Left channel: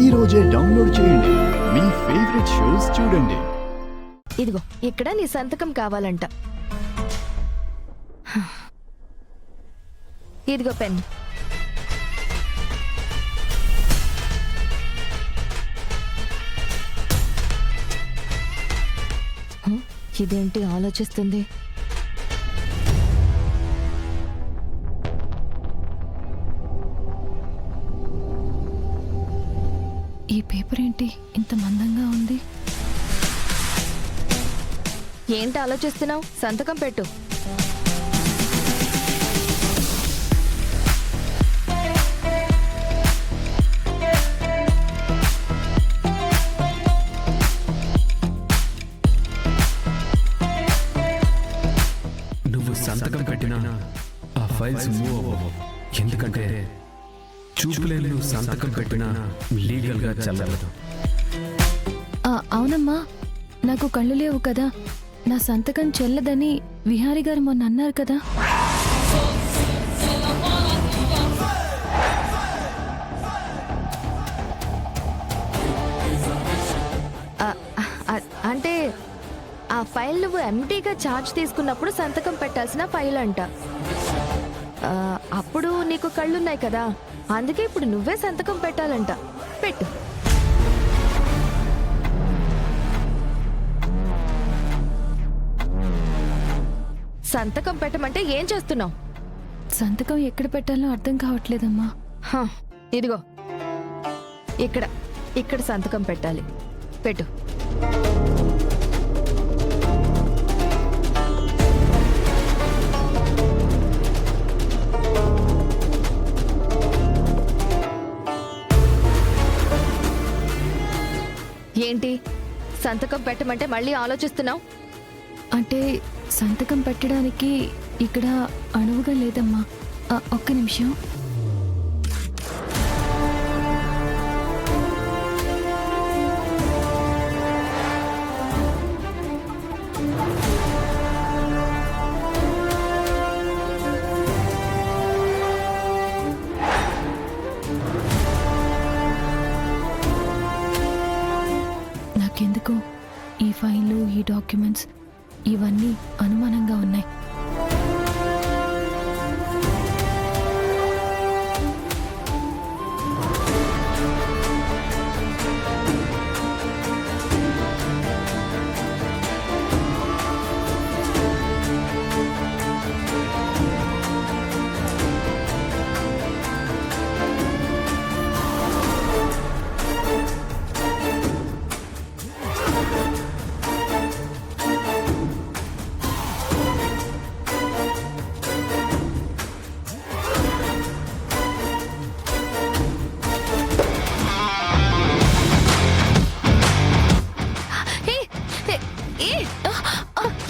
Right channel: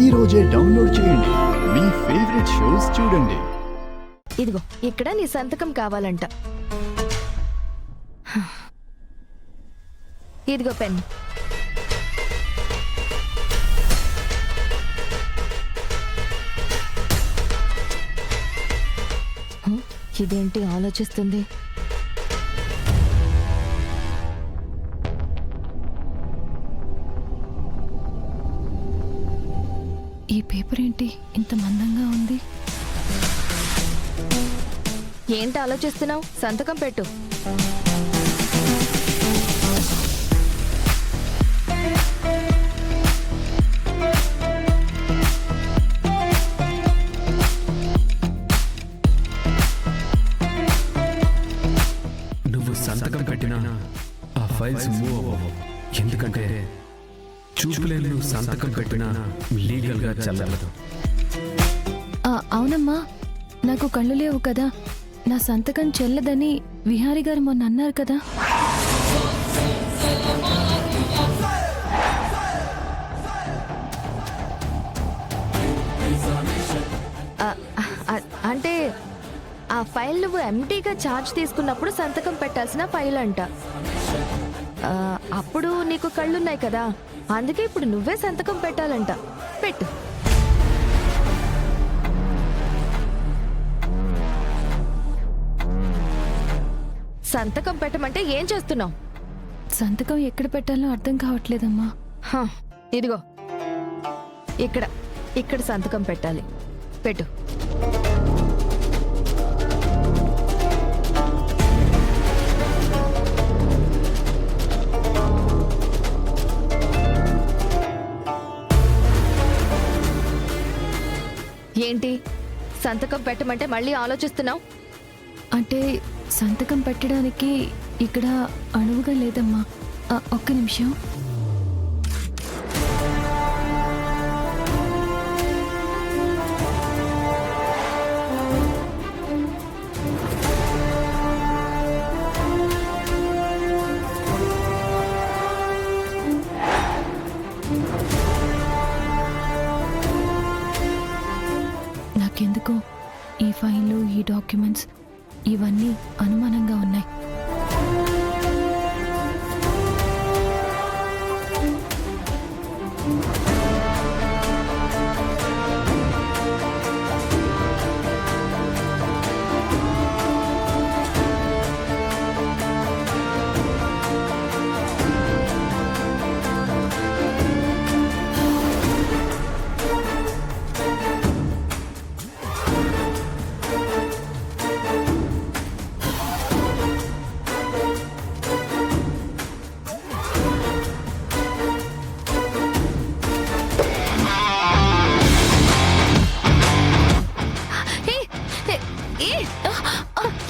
ఈ రోజే డౌన్లోడ్ చేయండి. మీ ఫేవరెట్ షోస్ చూడండి. ఇదిగో ఇక్కడ నీ సంతకం కావాలంట. ఇదిగో పెన్. ఇదేంటి ఆలోచిస్తుంది? ఈ పేపర్ ఏంటి ఇంత మందంగా ఉంది? ఏంటి ఆలోచిస్తున్నావు? సంతకం పెట్టు. నువ్వు సంతకం పెట్టినా ఆ ఫైల్స్ మూవ్ అవ్వవు. ఎందుకంటే చూపులేని నువ్వు సంతకం పెట్టినా లీగల్గా చెల్లదు. అవునమ్మా, నాకు కళ్ళు లేవు కదా, నా సంతకం చెల్లదని విహారీ గారు మొన్న అన్నారు కదా. అంటే ఆ ఫైల్ నువ్వు ఎంటీగా ఛార్జ్ తీసుకున్నప్పుడు సంతకం పెట్టాల్సిన ఫైల్ అంట. అప్పుడు నీకు కళ్ళున్నాయి కదా, అందుకే ఇప్పుడు నువ్వే సంతకం పెట్టాలంట. పెట్టు. సంతకం పెట్టమంటే ఏం చేస్తున్నావు? సంతకం ఎక్కడ పెట్టాలో అర్థం కావట్లేదమ్మా. ఇదిగో ఇక్కడ ఇక్కడ సంతకం పెట్టాలి. పెట్టు. ఏంటి సంతకం పెట్టమంటే మళ్ళీ ఆలోచిస్తున్నావు? అంటే సంతకం పెట్టడానికి ఇక్కడ అణువుగా లేదమ్మా. ఒక్క నిమిషం. నాకెందుకో ఈ ఫైళ్ళు, ఈ డాక్యుమెంట్స్ ఇవన్నీ అనుమానంగా ఉన్నాయి.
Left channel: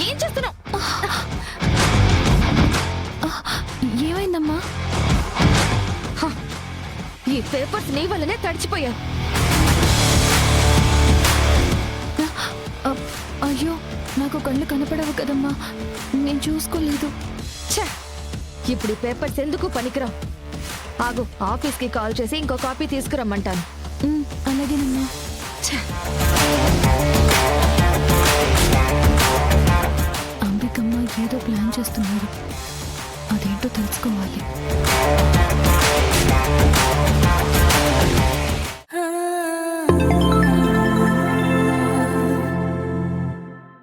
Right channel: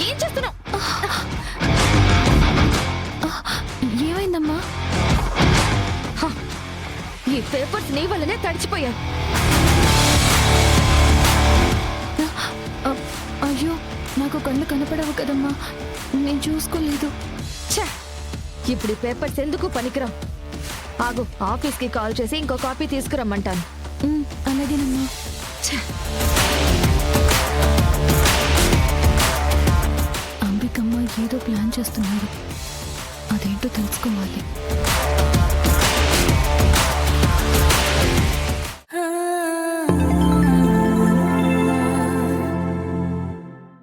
ఏం చేస్తున్నావు? ఏమైందమ్మా? ఈ పేపర్స్ నీ వల్లనే తడిచిపోయాయి. అయ్యో, నాకు కళ్ళు కనపడవు కదమ్మా, నేను చూసుకోలేదు. ఇప్పుడు ఈ పేపర్స్ ఎందుకు పనికిరావు. ఆగు, ఆఫీస్కి కాల్ చేసి ఇంకో కాపీ తీసుకురమ్మంటాను. అలాగేనమ్మా. అంబికమ్మ ఏదో ప్లాన్ చేస్తున్నారు, అదేంటో తెలుసుకోవాలి.